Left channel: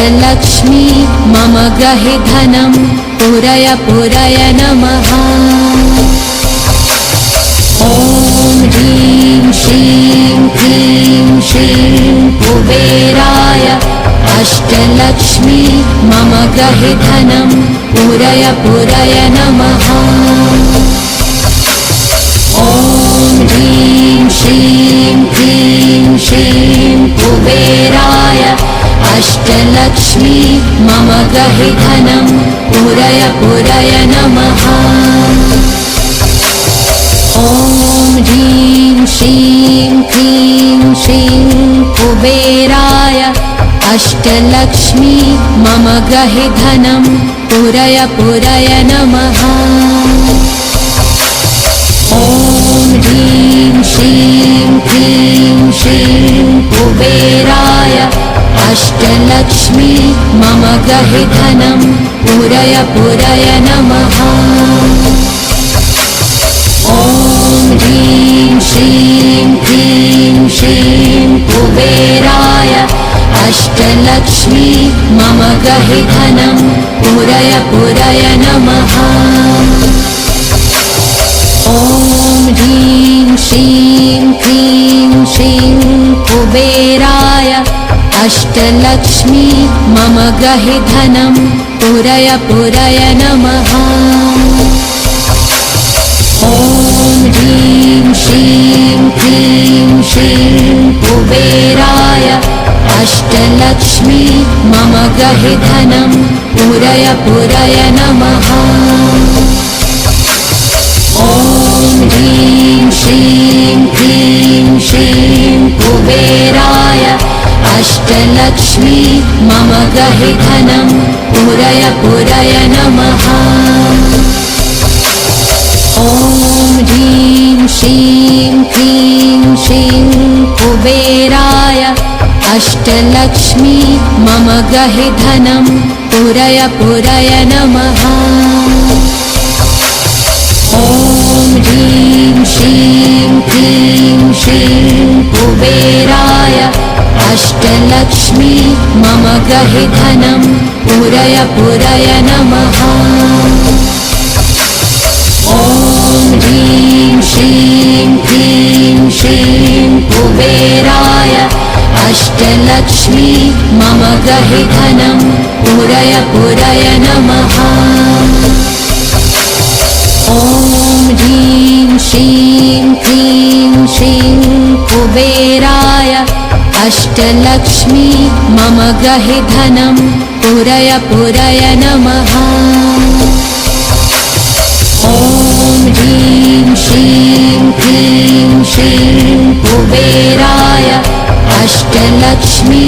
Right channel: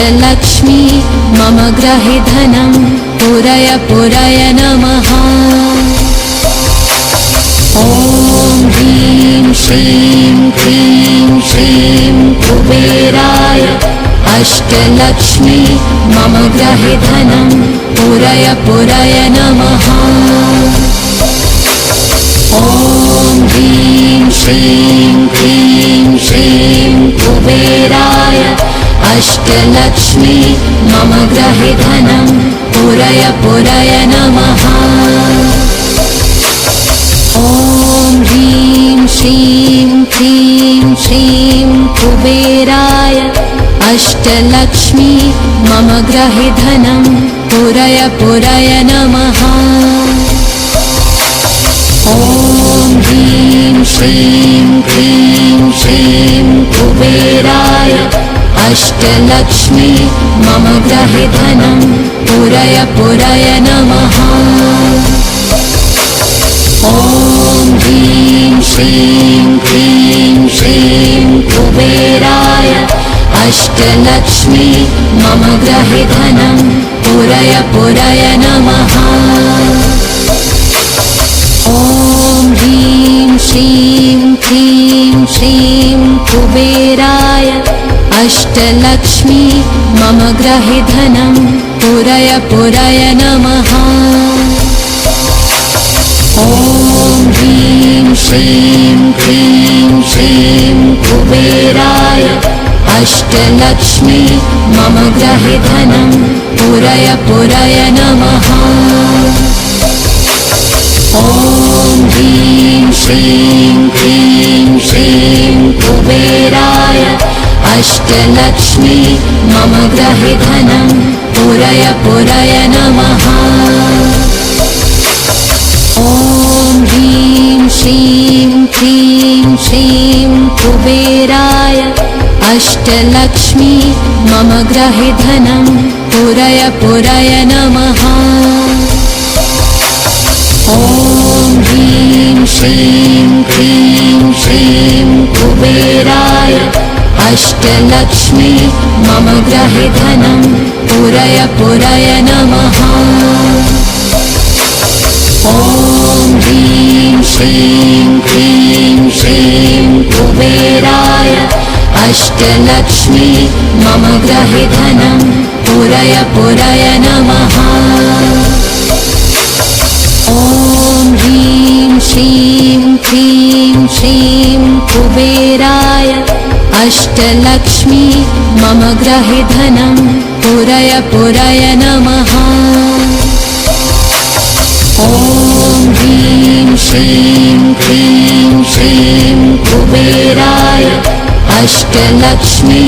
अष्टलक्ष्मी मम ग्रहि धनं पुरय पुरय नमः। ॐ ह्रीं श्रीं क्लीं श्रीं कुबेराय अष्टलक्ष्मी मम ग्रहि धनं पुरय पुरय नमः। ॐ ह्रीं श्रीं क्लीं श्रीं कुबेराय अष्टलक्ष्मी मम ग्रहि धनं पुरय पुरय नमः। ॐ ह्रीं श्रीं क्लीं श्रीं कुबेराय अष्टलक्ष्मी मम ग्रहि धनं पुरय पुरय नमः। ॐ ह्रीं श्रीं क्लीं श्रीं कुबेराय अष्टलक्ष्मी मम ग्रहि धनं पुरय पुरय नमः। ॐ ह्रीं श्रीं क्लीं श्रीं कुबेराय अष्टलक्ष्मी मम ग्रहि धनं पुरय पुरय नमः। ॐ ह्रीं श्रीं क्लीं श्रीं कुबेराय अष्टलक्ष्मी मम ग्रहि धनं पुरय पुरय नमः। ॐ ह्रीं श्रीं क्लीं श्रीं कुबेराय अष्टलक्ष्मी मम ग्रहि धनं पुरय पुरय नमः। ॐ ह्रीं श्रीं क्लीं श्रीं कुबेराय अष्टलक्ष्मी मम ग्रहि धनं पुरय पुरय नमः। ॐ ह्रीं श्रीं क्लीं श्रीं कुबेराय अष्टलक्ष्मी मम ग्रहि धनं पुरय पुरय नमः। ॐ ह्रीं श्रीं क्लीं श्रीं कुबेराय अष्टलक्ष्मी मम ग्रहि धनं पुरय पुरय नमः। ॐ ह्रीं श्रीं क्लीं श्रीं कुबेराय अष्टलक्ष्मी मम ग्रहि धनं पुरय पुरय नमः। ॐ ह्रीं श्रीं क्लीं श्रीं कुबेराय अष्टलक्ष्मी मम ग्रहि धनं पुरय पुरय नमः। ॐ ह्रीं श्रीं क्लीं श्रीं कुबेराय अष्टलक्ष्मी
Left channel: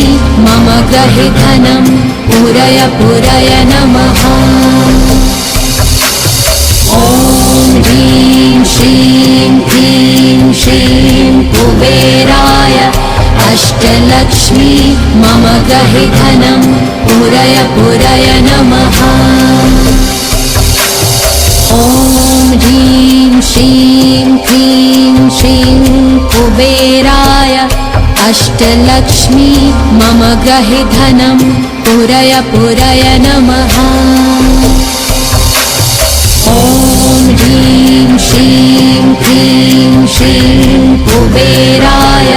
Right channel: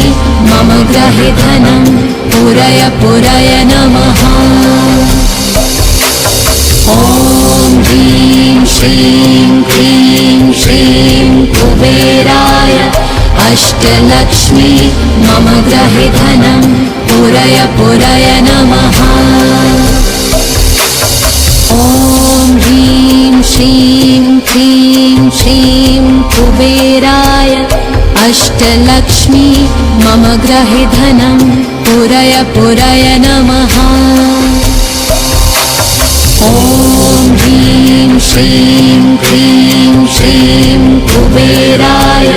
मम ग्रहि धनं पुरय पुरय नमः। ॐ ह्रीं श्रीं क्लीं श्रीं कुबेराय अष्टलक्ष्मी मम ग्रहि धनं पुरय पुरय नमः। ॐ ह्रीं श्रीं क्लीं श्रीं कुबेराय अष्टलक्ष्मी मम ग्रहि धनं पुरय पुरय नमः। ॐ ह्रीं श्रीं क्लीं श्रीं कुबेराय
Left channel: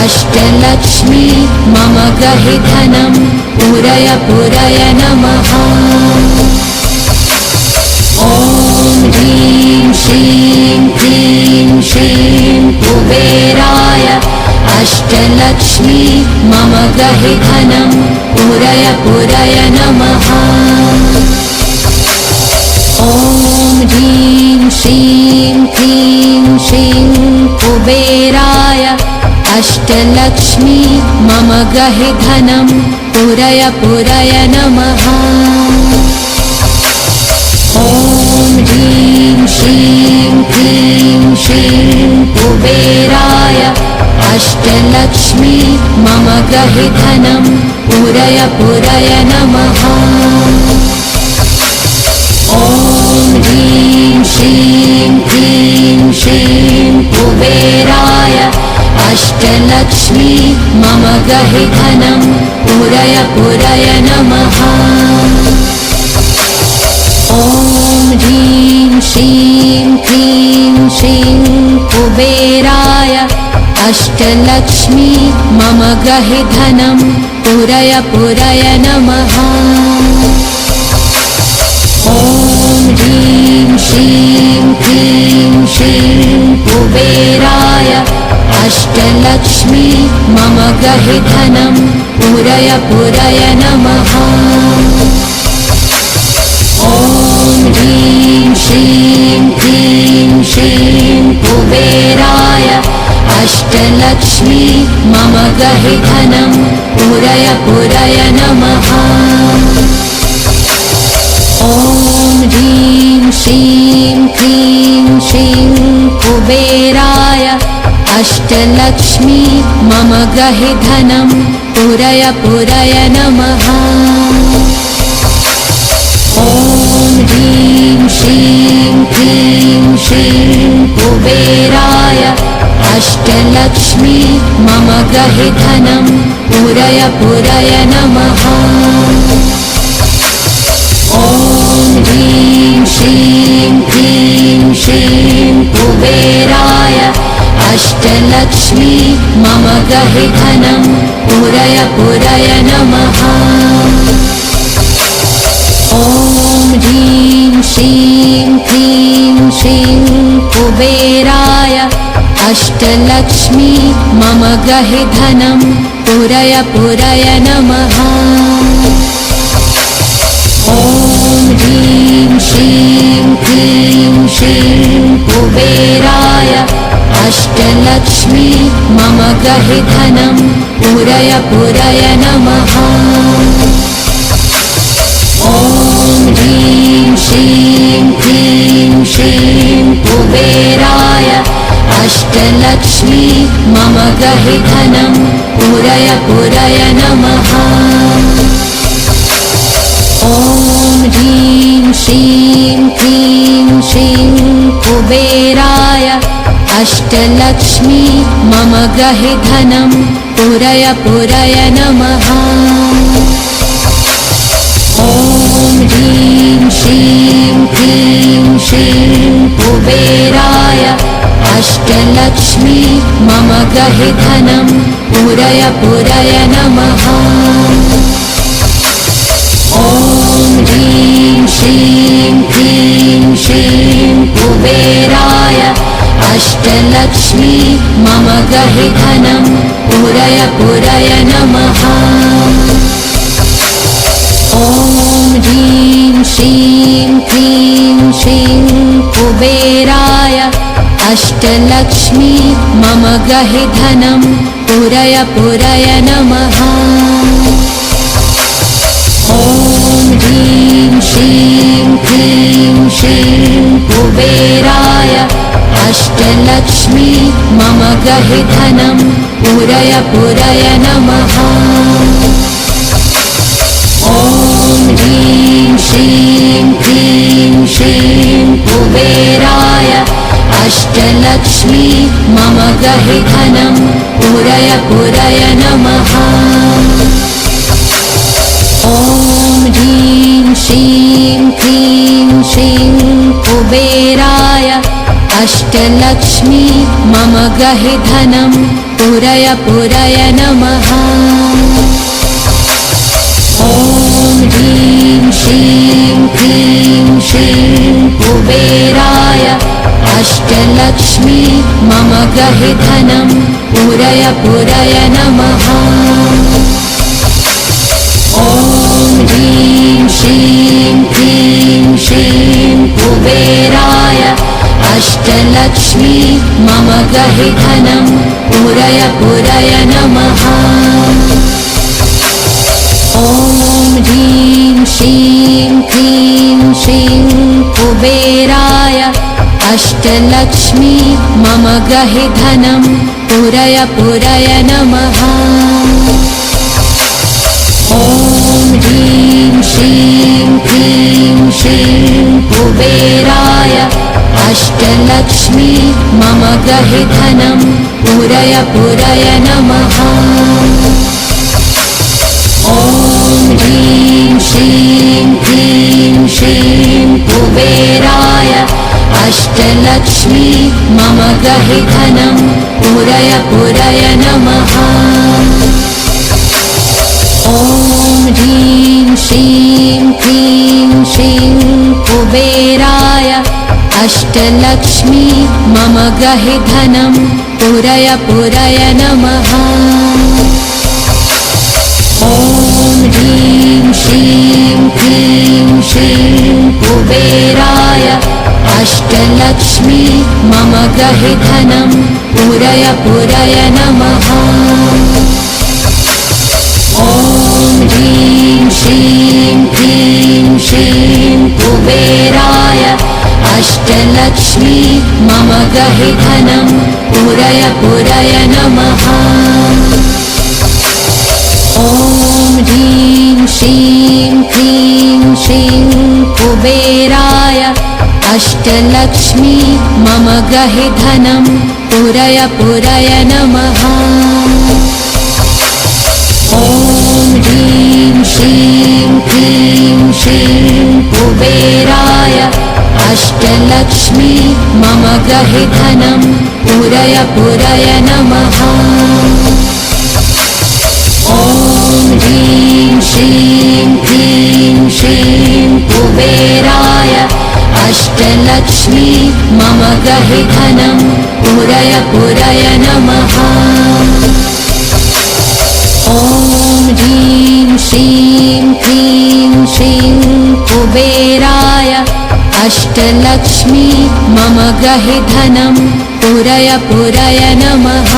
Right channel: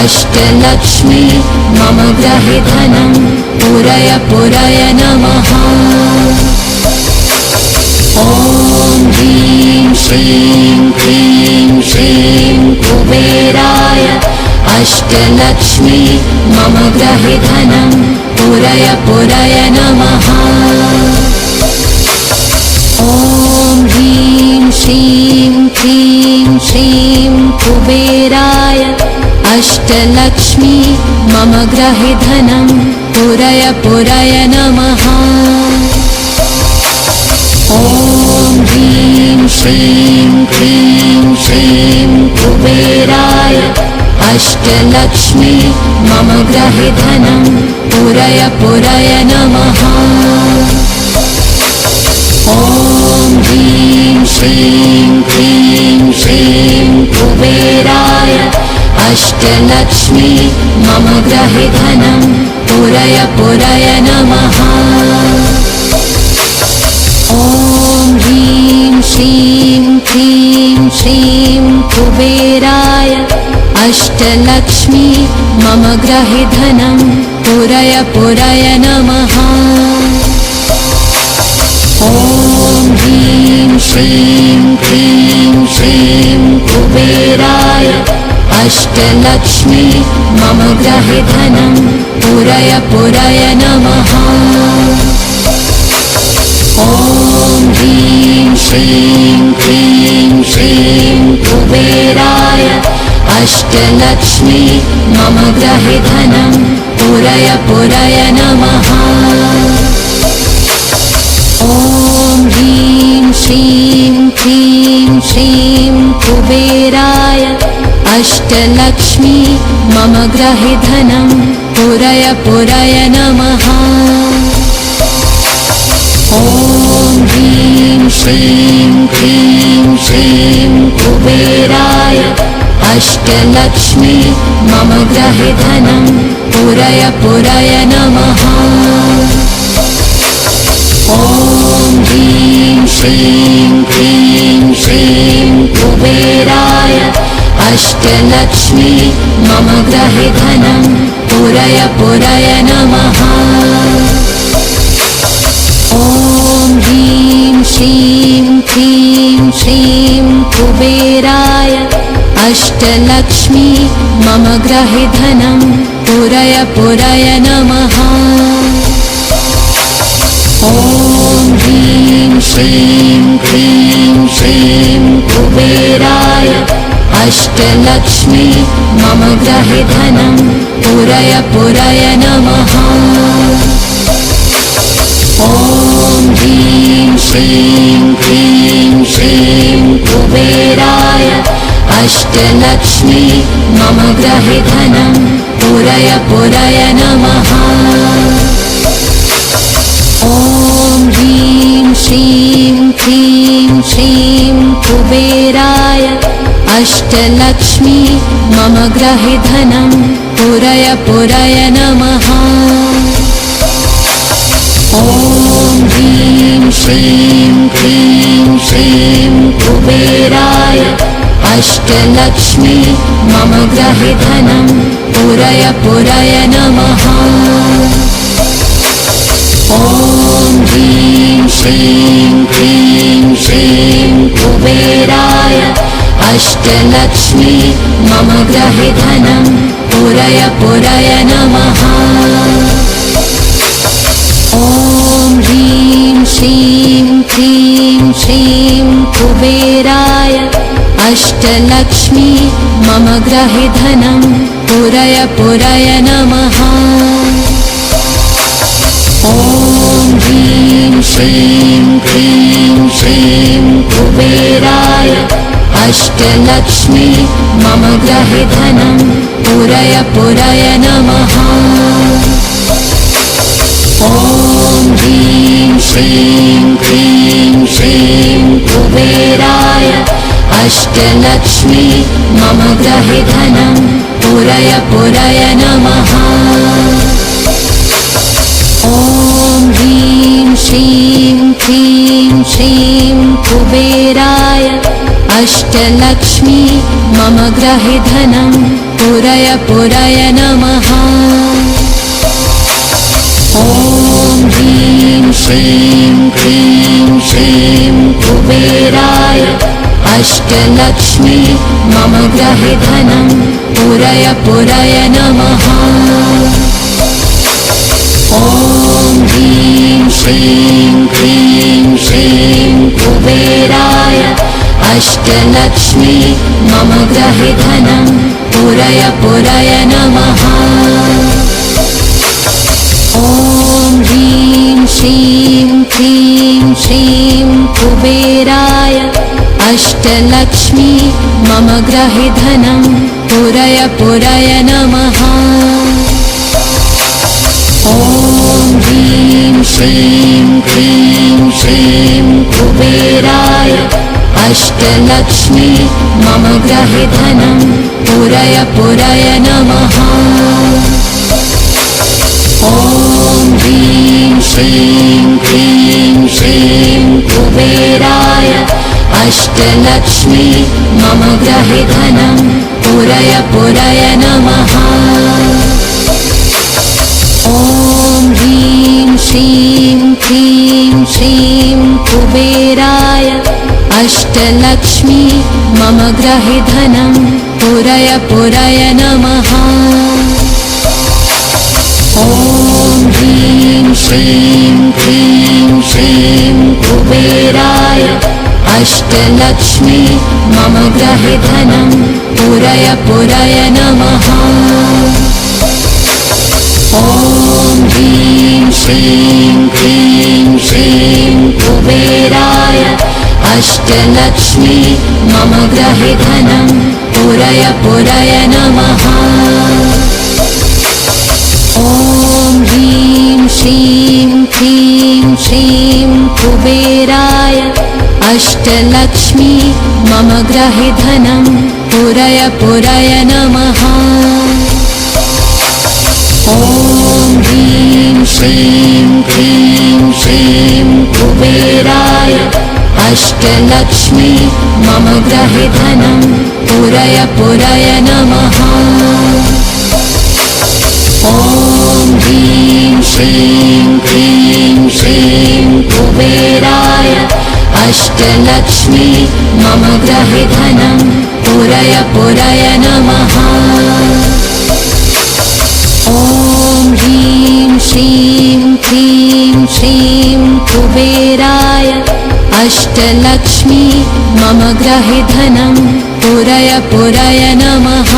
अष्टलक्ष्मी मम ग्रहि धनं पुरय पुरय नमः। ॐ ह्रीं श्रीं क्लीं श्रीं कुबेराय अष्टलक्ष्मी मम ग्रहि धनं पुरय पुरय नमः। ॐ ह्रीं श्रीं क्लीं श्रीं कुबेराय अष्टलक्ष्मी मम ग्रहि धनं पुरय पुरय नमः। ॐ ह्रीं श्रीं क्लीं श्रीं कुबेराय अष्टलक्ष्मी मम ग्रहि धनं पुरय पुरय नमः। ॐ ह्रीं श्रीं क्लीं श्रीं कुबेराय अष्टलक्ष्मी मम ग्रहि धनं पुरय पुरय पुरय नमः। ॐ ह्रीं श्रीं क्लीं श्रीं कुबेराय अष्टलक्ष्मी मम गृहे धनं पुरय पुरय नमः। ॐ ह्रीं श्रीं क्लीं श्रीं कुबेराय अष्टलक्ष्मी मम गृहे धनं पुरय पुरय नमः। ॐ ह्रीं श्रीं क्लीं श्रीं कुबेराय अष्टलक्ष्मी मम गृहे धनं पुरय पुरय नमः। ॐ ह्रीं श्रीं क्लीं श्रीं कुबेराय अष्टलक्ष्मी मम गृहे धनं पुरय पुरय नमः। ॐ ह्रीं श्रीं क्लीं श्रीं कुबेराय अष्टलक्ष्मी मम गृहे धनं पुरय पुरय नमः। ॐ ह्रीं श्रीं क्लीं श्रीं कुबेराय अष्टलक्ष्मी मम गृहे धनं पुरय पुरय नमः। ॐ ह्रीं श्रीं क्लीं श्रीं कुबेराय अष्टलक्ष्मी मम गृहे धनं पुरय पुरय नमः। ॐ ह्रीं श्रीं क्लीं श्रीं कुबेराय अष्टलक्ष्मी मम गृहे धनं पुरय पुरय नमः। ॐ ह्रीं श्रीं क्लीं श्रीं कुबेराय अष्टलक्ष्मी मम गृहे धनं पुरय पुरय नमः। ॐ ह्रीं श्रीं क्लीं श्रीं कुबेराय अष्टलक्ष्मी मम गृहे धनं पुरय पुरय नमः। ॐ ह्रीं श्रीं क्लीं श्रीं कुबेराय अष्टलक्ष्मी मम गृहे धनं पुरय पुरय नमः। ॐ ह्रीं श्रीं क्लीं श्रीं कुबेराय अष्टलक्ष्मी मम गृहे धनं पुरय पुरय नमः। ॐ ह्रीं श्रीं क्लीं श्रीं कुबेराय अष्टलक्ष्मी मम गृहे धनं पुरय पुरय नमः। ॐ ह्रीं श्रीं क्लीं श्रीं कुबेराय अष्टलक्ष्मी मम गृहे धनं पुरय पुरय नमः। ॐ ह्रीं श्रीं क्लीं श्रीं कुबेराय अष्टलक्ष्मी मम गृहे धनं पुरय पुरय नमः। ॐ ह्रीं श्रीं क्लीं श्रीं कुबेराय अष्टलक्ष्मी मम गृहे धनं पुरय पुरय नमः। ॐ ह्रीं श्रीं क्लीं श्रीं कुबेराय अष्टलक्ष्मी मम गृहे धनं पुरय पुरय नमः। ॐ ह्रीं श्रीं क्लीं श्रीं कुबेराय अष्टलक्ष्मी मम गृहे धनं पुरय पुरय नमः। ॐ ह्रीं श्रीं क्लीं श्रीं कुबेराय अष्टलक्ष्मी मम गृहे धनं पुरय पुरय नमः। ॐ ह्रीं श्रीं क्लीं श्रीं कुबेराय अष्टलक्ष्मी मम गृहे धनं पुरय पुरय नमः। ॐ अष्टलक्ष्मी मम ग्रहे धनं पुरय पुरय नमः। ॐ ह्रीं श्रीं क्लीं श्रीं कुबेराय अष्टलक्ष्मी मम ग्रहे धनं पुरय पुरय नमः। ॐ ह्रीं श्रीं क्लीं श्रीं कुबेराय अष्टलक्ष्मी मम ग्रहे धनं पुरय पुरय नमः। ॐ ह्रीं श्रीं क्लीं श्रीं कुबेराय अष्टलक्ष्मी मम ग्रहे धनं पुरय पुरय नमः। ॐ ह्रीं श्रीं क्लीं श्रीं कुबेराय अष्टलक्ष्मी मम ग्रहे धनं पुरय पुरय नमः। ॐ ह्रीं श्रीं क्लीं श्रीं कुबेराय अष्टलक्ष्मी मम ग्रहे धनं पुरय पुरय नमः। ॐ ह्रीं श्रीं क्लीं श्रीं कुबेराय अष्टलक्ष्मी मम ग्रहे धनं पुरय पुरय नमः।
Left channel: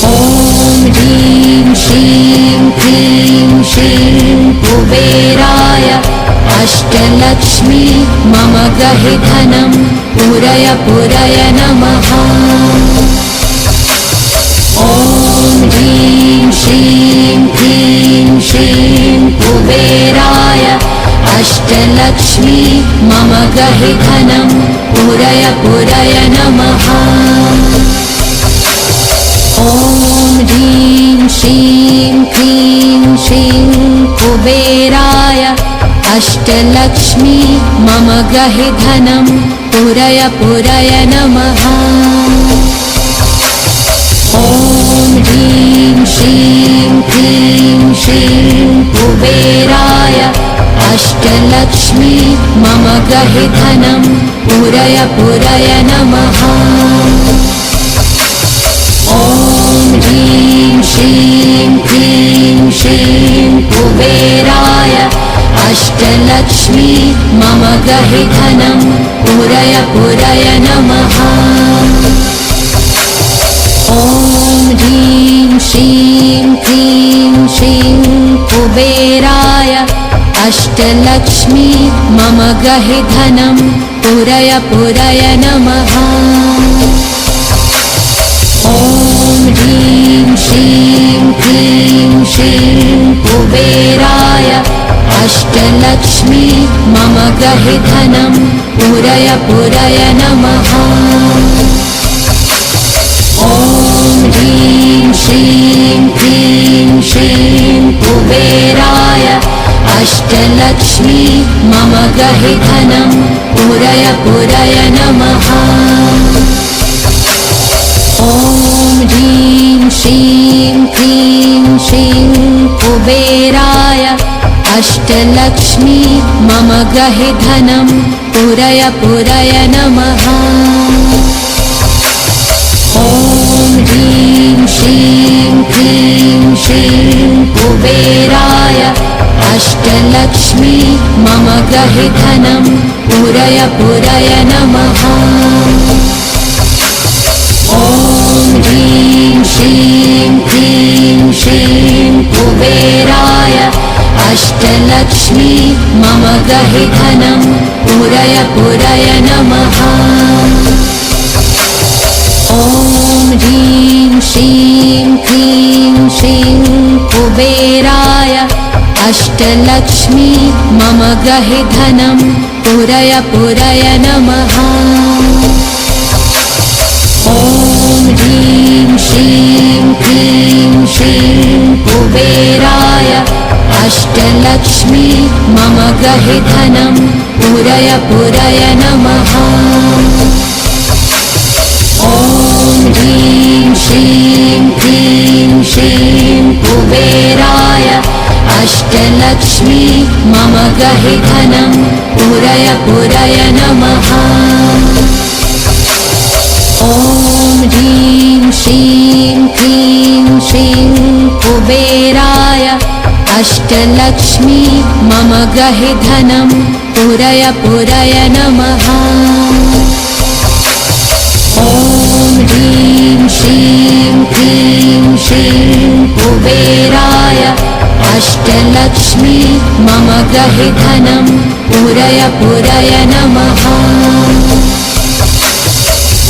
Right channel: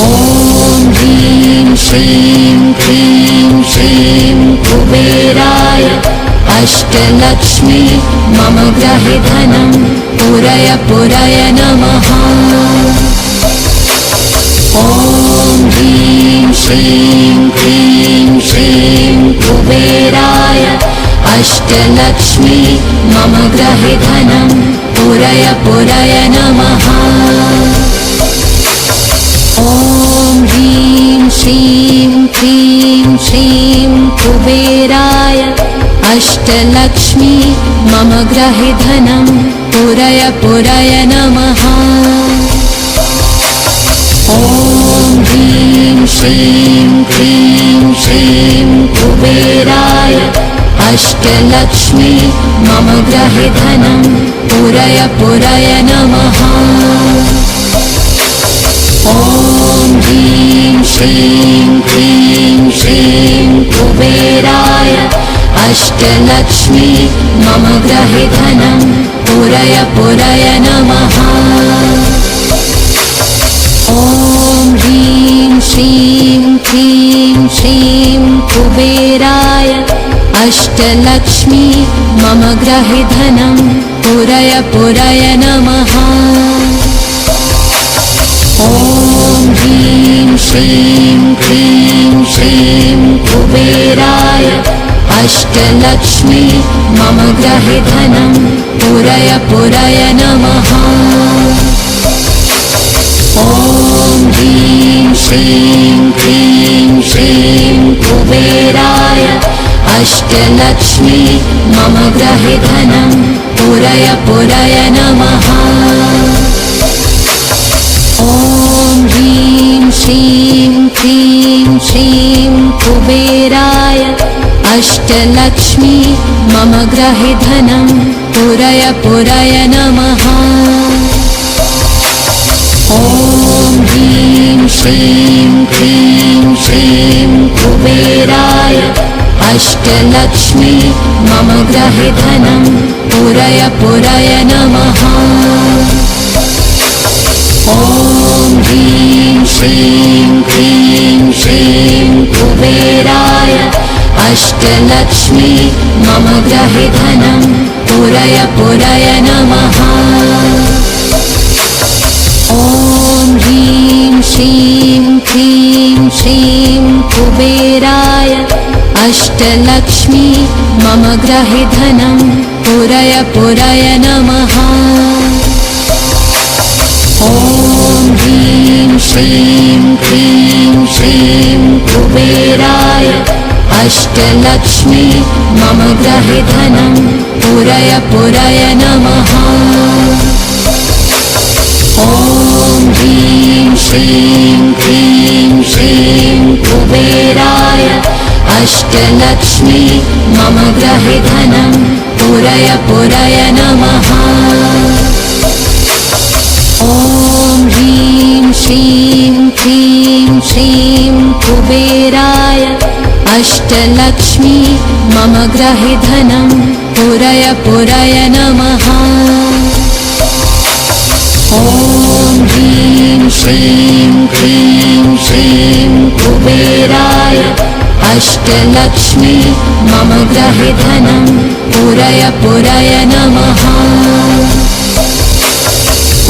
ॐ ह्रीं श्रीं क्लीं श्रीं कुबेराय अष्टलक्ष्मी मम ग्रहे धनं पुरय पुरय नमः। ॐ ह्रीं श्रीं क्लीं श्रीं कुबेराय अष्टलक्ष्मी मम ग्रहे धनं पुरय पुरय नमः। ॐ ह्रीं श्रीं क्लीं श्रीं कुबेराय अष्टलक्ष्मी मम ग्रहे धनं पुरय पुरय नमः। ॐ ह्रीं श्रीं क्लीं श्रीं कुबेराय अष्टलक्ष्मी मम ग्रहे धनं पुरय पुरय नमः। ॐ ह्रीं श्रीं क्लीं श्रीं कुबेराय अष्टलक्ष्मी मम ग्रहे धनं पुरय पुरय नमः। ॐ ह्रीं श्रीं क्लीं श्रीं कुबेराय अष्टलक्ष्मी मम ग्रहे धनं पुरय पुरय नमः। ॐ ह्रीं श्रीं क्लीं श्रीं कुबेराय अष्टलक्ष्मी मम ग्रहे धनं पुरय पुरय नमः। ॐ ह्रीं श्रीं क्लीं श्रीं कुबेराय अष्टलक्ष्मी मम ग्रहे धनं पुरय पुरय नमः। ॐ ह्रीं श्रीं क्लीं श्रीं कुबेराय अष्टलक्ष्मी मम ग्रहे धनं पुरय पुरय नमः। ॐ ह्रीं श्रीं क्लीं श्रीं कुबेराय अष्टलक्ष्मी मम ग्रहे धनं पुरय पुरय नमः। ॐ ह्रीं श्रीं क्लीं श्रीं कुबेराय अष्टलक्ष्मी मम ग्रहे धनं पुरय पुरय नमः। ॐ ह्रीं श्रीं क्लीं श्रीं कुबेराय अष्टलक्ष्मी मम ग्रहे धनं पुरय पुरय नमः। ॐ ह्रीं श्रीं क्लीं श्रीं कुबेराय अष्टलक्ष्मी मम ग्रहे धनं पुरय पुरय नमः। ॐ ह्रीं श्रीं क्लीं श्रीं कुबेराय अष्टलक्ष्मी मम ग्रहे धनं पुरय पुरय अष्टलक्ष्मी मम ग्रहे धनं पुरय पुरय नमः। ॐ ह्रीं श्रीं क्लीं श्रीं कुबेराय अष्टलक्ष्मी मम ग्रहे धनं पुरय पुरय नमः।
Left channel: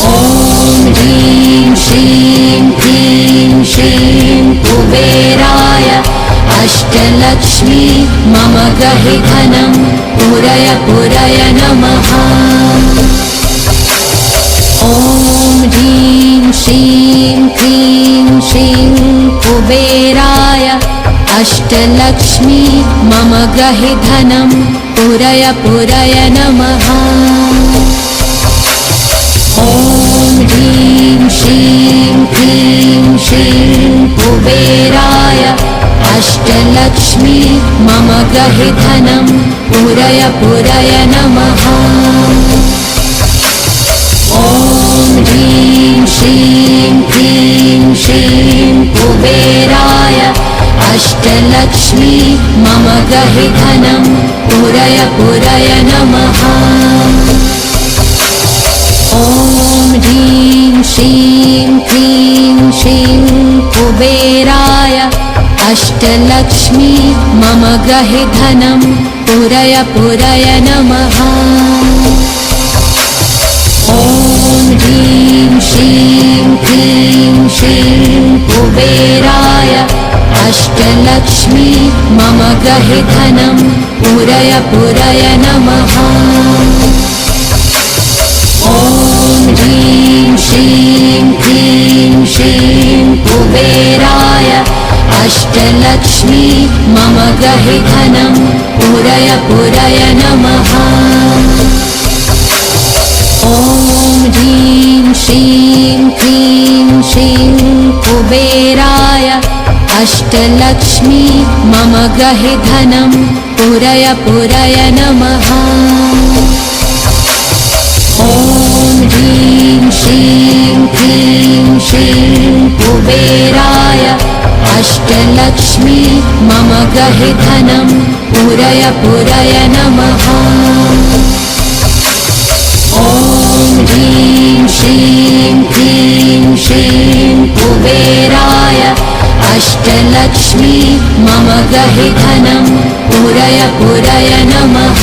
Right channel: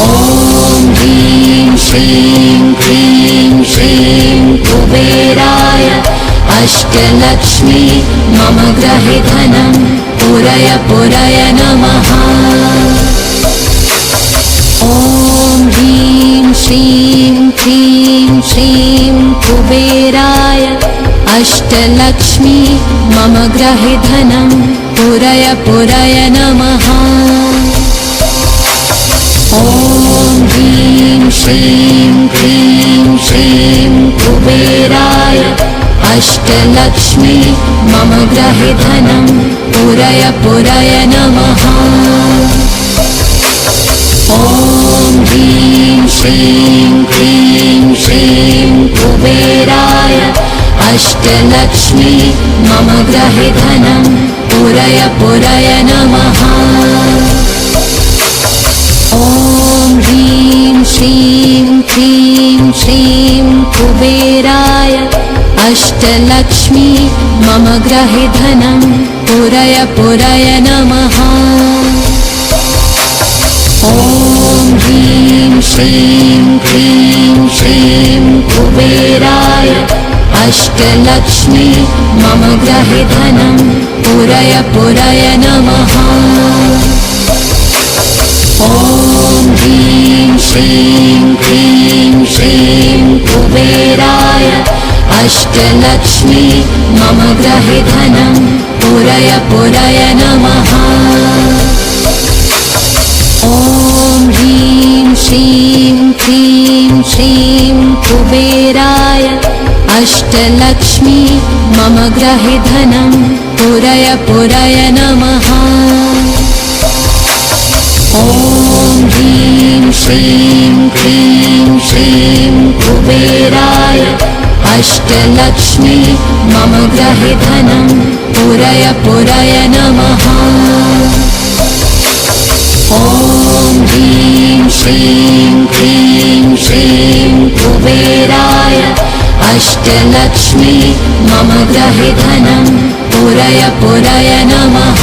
ॐ ह्रीं श्रीं क्लीं श्रीं कुबेराय अष्टलक्ष्मी मम ग्रहे धनं पुरय पुरय नमः। ॐ ह्रीं श्रीं क्लीं श्रीं कुबेराय अष्टलक्ष्मी मम ग्रहे धनं पुरय पुरय नमः। ॐ ह्रीं श्रीं क्लीं श्रीं कुबेराय अष्टलक्ष्मी मम ग्रहे धनं पुरय पुरय नमः। ॐ ह्रीं श्रीं क्लीं श्रीं कुबेराय अष्टलक्ष्मी मम ग्रहे धनं पुरय पुरय नमः। ॐ ह्रीं श्रीं क्लीं श्रीं कुबेराय अष्टलक्ष्मी मम ग्रहे धनं पुरय पुरय नमः। ॐ ह्रीं श्रीं क्लीं श्रीं कुबेराय अष्टलक्ष्मी मम ग्रहे धनं पुरय पुरय नमः। ॐ ह्रीं श्रीं क्लीं श्रीं कुबेराय अष्टलक्ष्मी मम ग्रहे धनं पुरय पुरय नमः। ॐ ह्रीं श्रीं क्लीं श्रीं कुबेराय अष्टलक्ष्मी मम ग्रहे धनं पुरय पुरय नमः। ॐ ह्रीं श्रीं क्लीं श्रीं कुबेराय अष्टलक्ष्मी मम ग्रहे धनं पुरय पुरय नमः। ॐ ह्रीं श्रीं क्लीं श्रीं कुबेराय अष्टलक्ष्मी मम ग्रहे धनं पुरय पुरय नमः।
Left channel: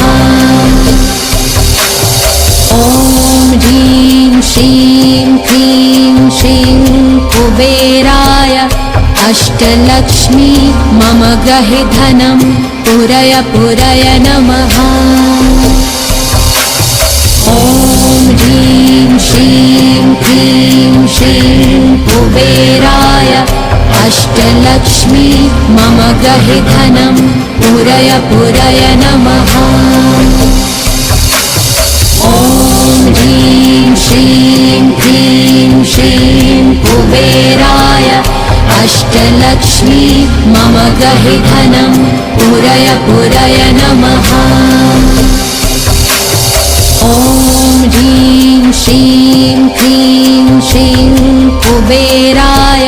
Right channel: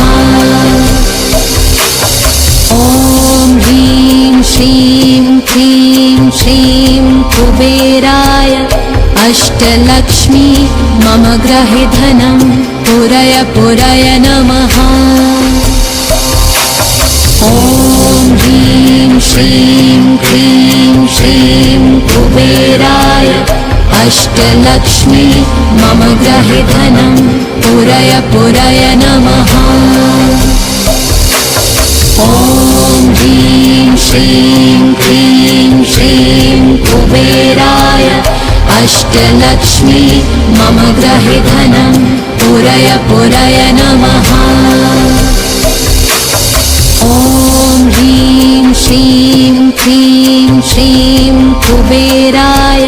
ॐ ह्रीं श्रीं क्लीं श्रीं कुबेराय अष्टलक्ष्मी मम ग्रहे धनं पुरय पुरय नमः। ॐ ह्रीं श्रीं क्लीं श्रीं कुबेराय अष्टलक्ष्मी मम ग्रहे धनं पुरय पुरय नमः। ॐ ह्रीं श्रीं क्लीं श्रीं कुबेराय अष्टलक्ष्मी मम ग्रहे धनं पुरय पुरय नमः। ॐ ह्रीं श्रीं क्लीं श्रीं कुबेराय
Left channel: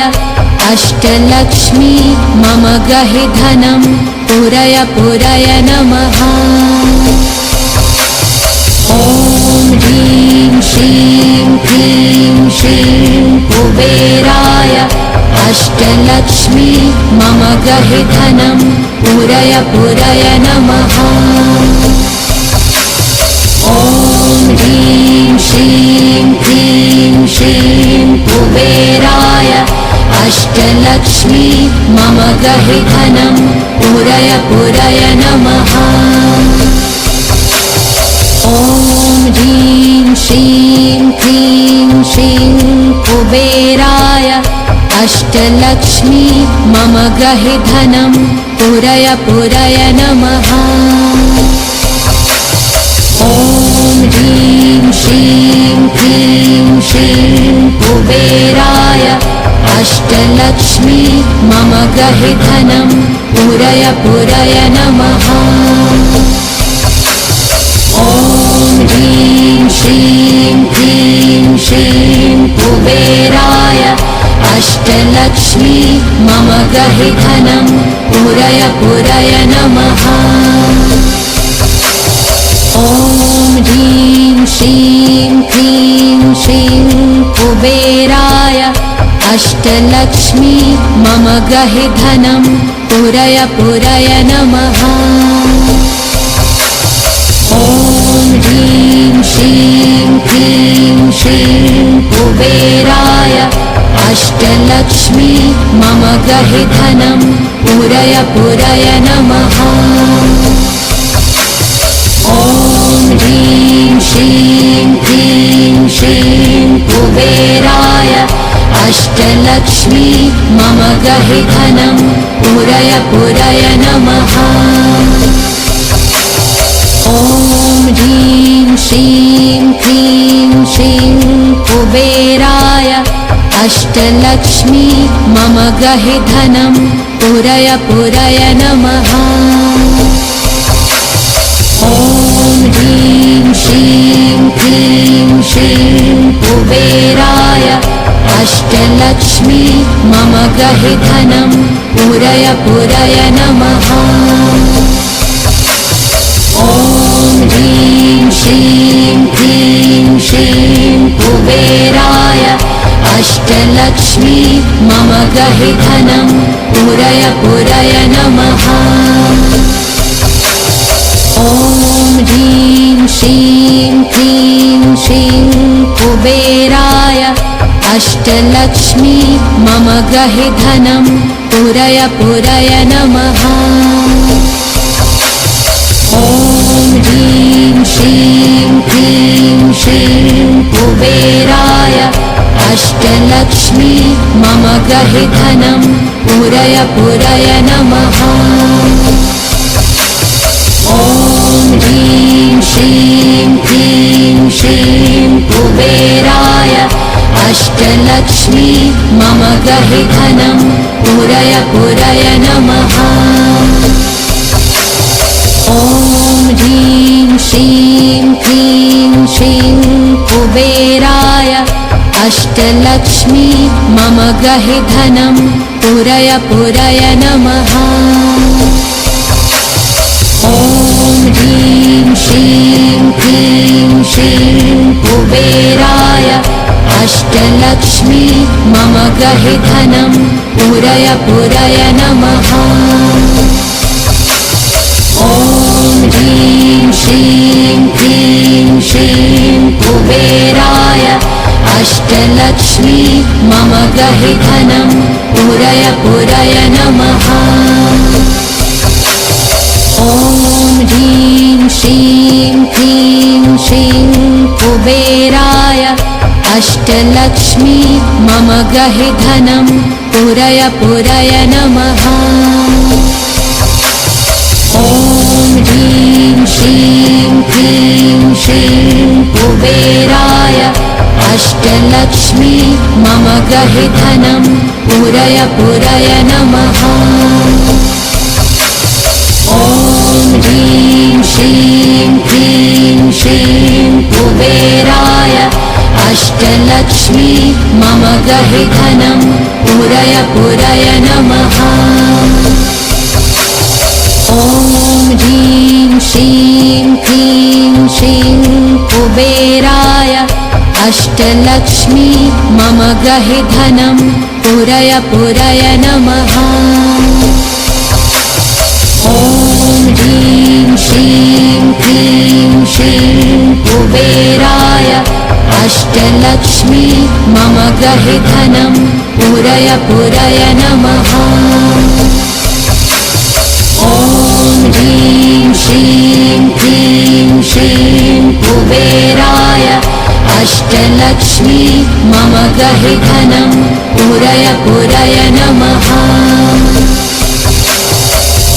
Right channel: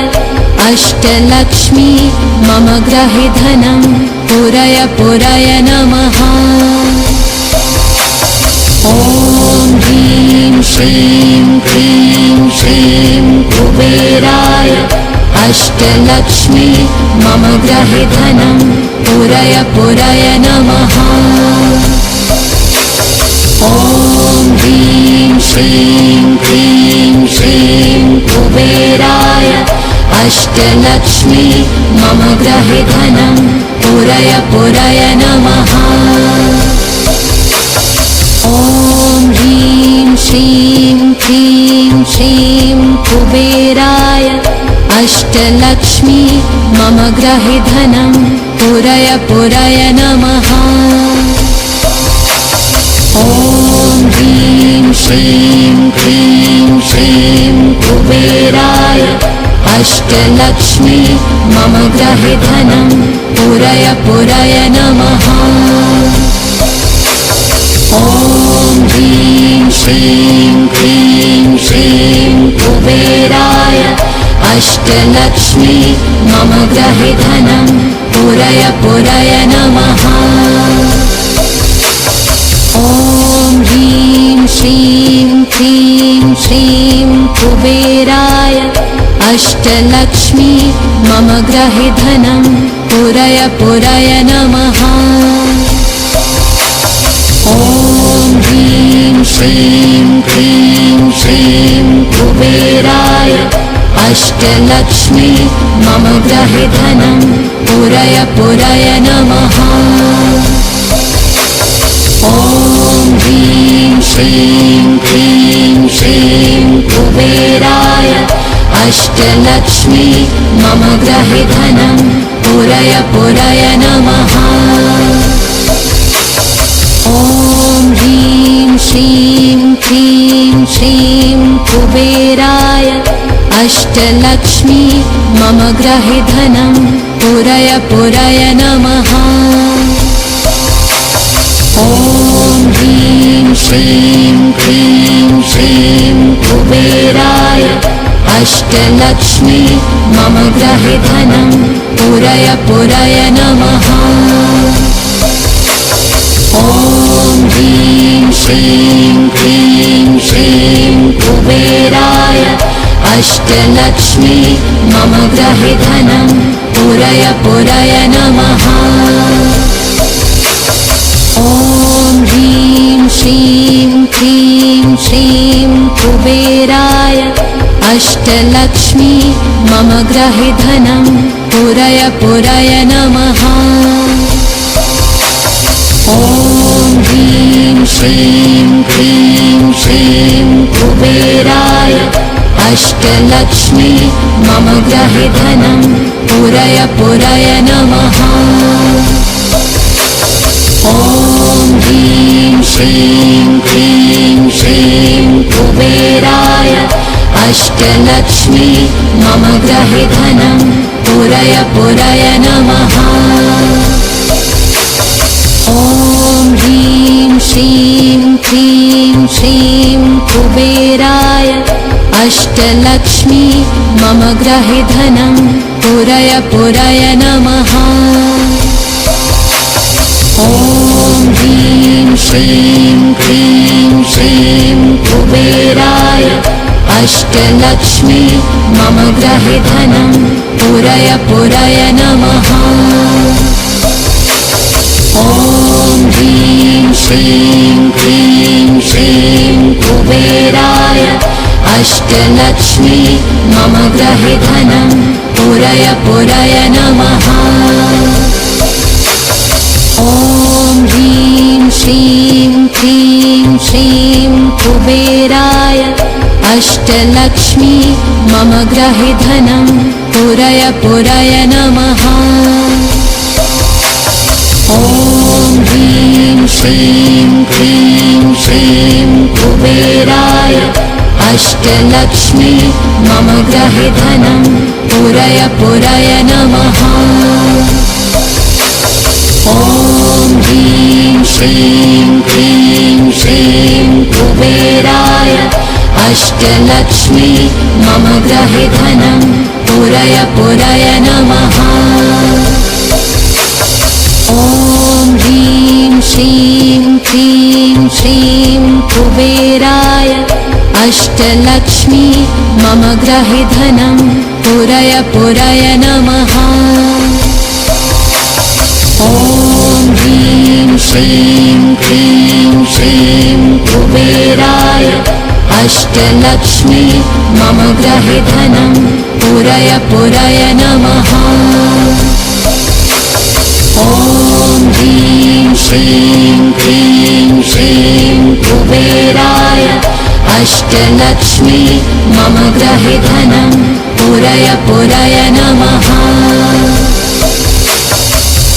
अष्टलक्ष्मी मम ग्रहे धनं पुरय पुरय नमः। ॐ ह्रीं श्रीं क्लीं श्रीं कुबेराय अष्टलक्ष्मी मम ग्रहे धनं पुरय पुरय नमः। ॐ ह्रीं श्रीं क्लीं श्रीं कुबेराय अष्टलक्ष्मी मम ग्रहे धनं पुरय पुरय नमः। ॐ ह्रीं श्रीं क्लीं श्रीं कुबेराय अष्टलक्ष्मी मम ग्रहे धनं पुरय पुरय नमः। ॐ ह्रीं श्रीं क्लीं श्रीं कुबेराय अष्टलक्ष्मी मम ग्रहे धनं पुरय पुरय नमः। ॐ ह्रीं श्रीं क्लीं श्रीं कुबेराय अष्टलक्ष्मी मम ग्रहे धनं पुरय पुरय नमः। पूरय पूरय नमः। ॐ ह्रीं श्रीं क्लीं श्रीं कुबेराय अष्टलक्ष्मी मम गृहे धनं पूरय पूरय नमः। ॐ ह्रीं श्रीं क्लीं श्रीं कुबेराय अष्टलक्ष्मी मम गृहे धनं पूरय पूरय नमः। ॐ ह्रीं श्रीं क्लीं श्रीं कुबेराय अष्टलक्ष्मी मम गृहे धनं पूरय पूरय नमः। ॐ ह्रीं श्रीं क्लीं श्रीं कुबेराय अष्टलक्ष्मी मम गृहे धनं पूरय पूरय नमः। ॐ ह्रीं श्रीं क्लीं श्रीं कुबेराय अष्टलक्ष्मी मम गृहे धनं पूरय पूरय नमः। ॐ ह्रीं श्रीं क्लीं श्रीं कुबेराय अष्टलक्ष्मी मम गृहे धनं पूरय पूरय नमः। ॐ ह्रीं श्रीं क्लीं श्रीं कुबेराय अष्टलक्ष्मी मम गृहे धनं पूरय पूरय नमः। ॐ ह्रीं श्रीं क्लीं श्रीं कुबेराय अष्टलक्ष्मी मम गृहे धनं पूरय पूरय नमः। ॐ ह्रीं श्रीं क्लीं श्रीं कुबेराय अष्टलक्ष्मी मम गृहे धनं पूरय पूरय नमः। ॐ ह्रीं श्रीं क्लीं श्रीं कुबेराय अष्टलक्ष्मी मम गृहे धनं पूरय पूरय नमः। ॐ ह्रीं श्रीं क्लीं श्रीं कुबेराय अष्टलक्ष्मी मम गृहे धनं पूरय पूरय नमः। ॐ ह्रीं श्रीं क्लीं श्रीं कुबेराय अष्टलक्ष्मी मम गृहे धनं पूरय पूरय नमः। ॐ ह्रीं श्रीं क्लीं श्रीं कुबेराय अष्टलक्ष्मी मम गृहे धनं पूरय पूरय नमः। ॐ ह्रीं श्रीं क्लीं श्रीं कुबेराय अष्टलक्ष्मी मम गृहे धनं पूरय पूरय नमः। ॐ ह्रीं श्रीं क्लीं श्रीं कुबेराय अष्टलक्ष्मी मम गृहे धनं पूरय पूरय नमः। ॐ ह्रीं श्रीं क्लीं श्रीं कुबेराय अष्टलक्ष्मी मम गृहे धनं पूरय पूरय नमः। ॐ ह्रीं श्रीं क्लीं श्रीं कुबेराय अष्टलक्ष्मी मम गृहे धनं पूरय पूरय नमः।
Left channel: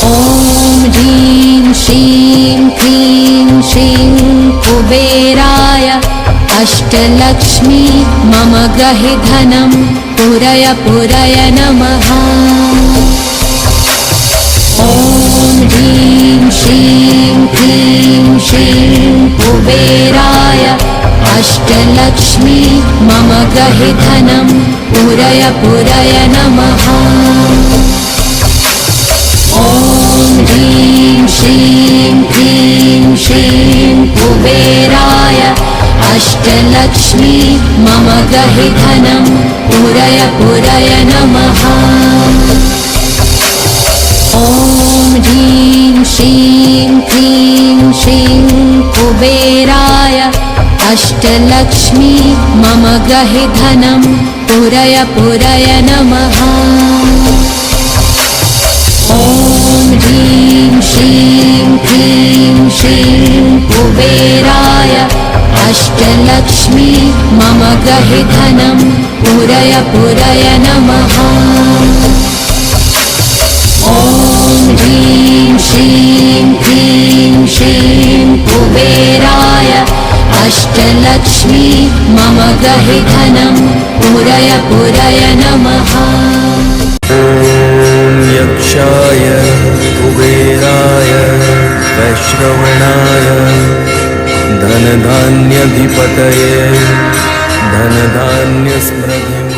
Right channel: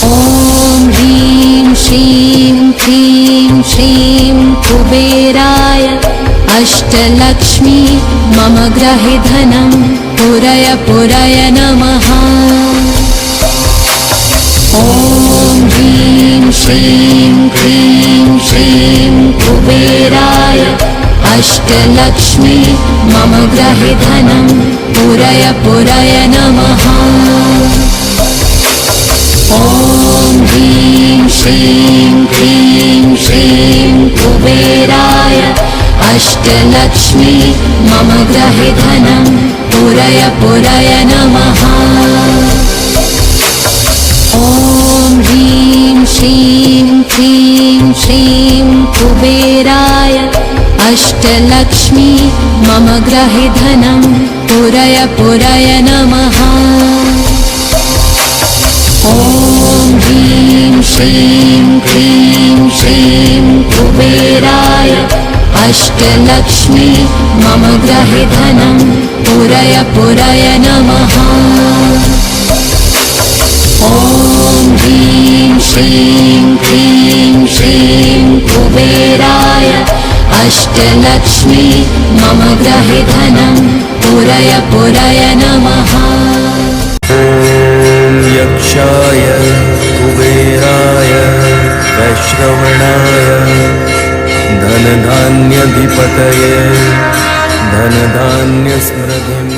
ॐ ह्रीं श्रीं क्लीं श्रीं कुबेराय अष्टलक्ष्मी मम गृहे धनं पूरय पूरय नमः। ॐ ह्रीं श्रीं क्लीं श्रीं कुबेराय अष्टलक्ष्मी मम गृहे धनं पूरय पूरय नमः। ॐ ह्रीं श्रीं क्लीं श्रीं कुबेराय अष्टलक्ष्मी मम गृहे धनं पूरय पूरय नमः। ॐ पुरय पुरय नमः ॐ ह्रीं श्रीं क्लीं श्रीं कुबेराय अष्टलक्ष्मी मम गहि धनं पुरय पुरय नमः ॐ ह्रीं श्रीं क्लीं श्रीं कुबेराय अष्टलक्ष्मी मम गहि धनं पुरय पुरय नमः ॐ यक्षाय कुबेराय वैश्रवणाय धनधान्यधिपतये धनधान्यस्मृतिं